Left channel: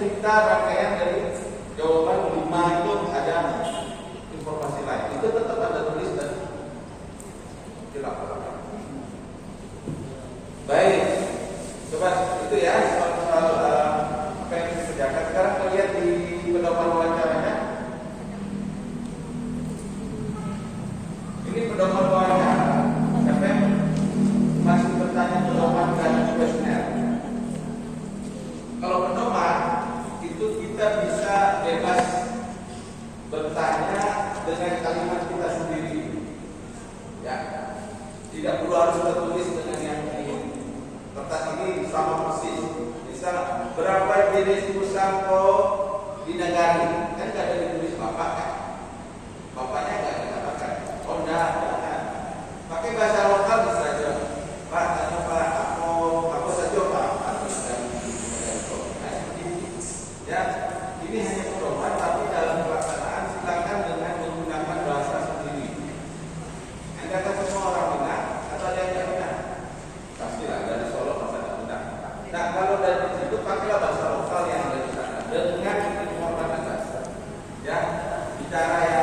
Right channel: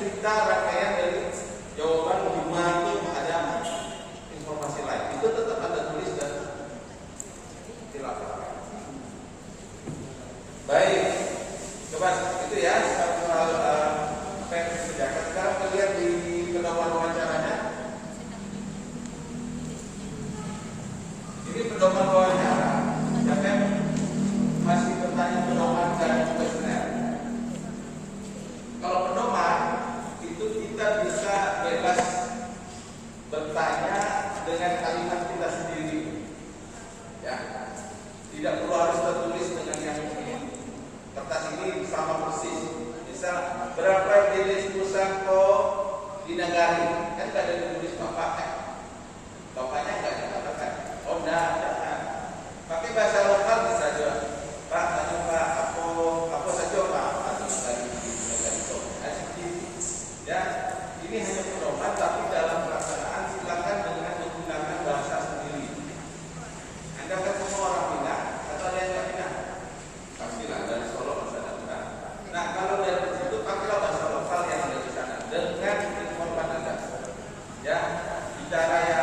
cerita rangkaian dari jawaban 5 itu ada informasi lain. Itu tetap ada tulis dan dilaporkan. Baik, coba itu ya soal apa yang dikerjakan. Sekarang kita lihat di pedoman wawancaranya. Ini pedoman wawancara. Sampai masih bertanya pedoman dan kuesioner. Kalau pedoman itu kita bisa bebas bertanya dengan kalimat kita sendiri, ya. Tidak perlu harus tertulis dengan yang ini. Kertas ini sama persis. Bisa berapa jenis pusako di negara? Kan tidak ada ditulis bapak kan? Bapaknya nggak dikatakan. Oh enggak, jangan. Pakai bahasa lokal bisa aja. Pak, tanya Pak, apa saja Pak? Atau dari negara itu. Nah, seperti itu. Ya, ini hanya pedoman, tapi dalam pelaksanaan silakan dengan menggunakan bahasa sendiri. Anda kan semua orang Minang atau yang nggak Minang? Pastilah dari Solo masa ada Minang. Nah, kalau dari situ pakailah bahasa lokal yang ada di sana dengan informan Anda. Ya, bicara yang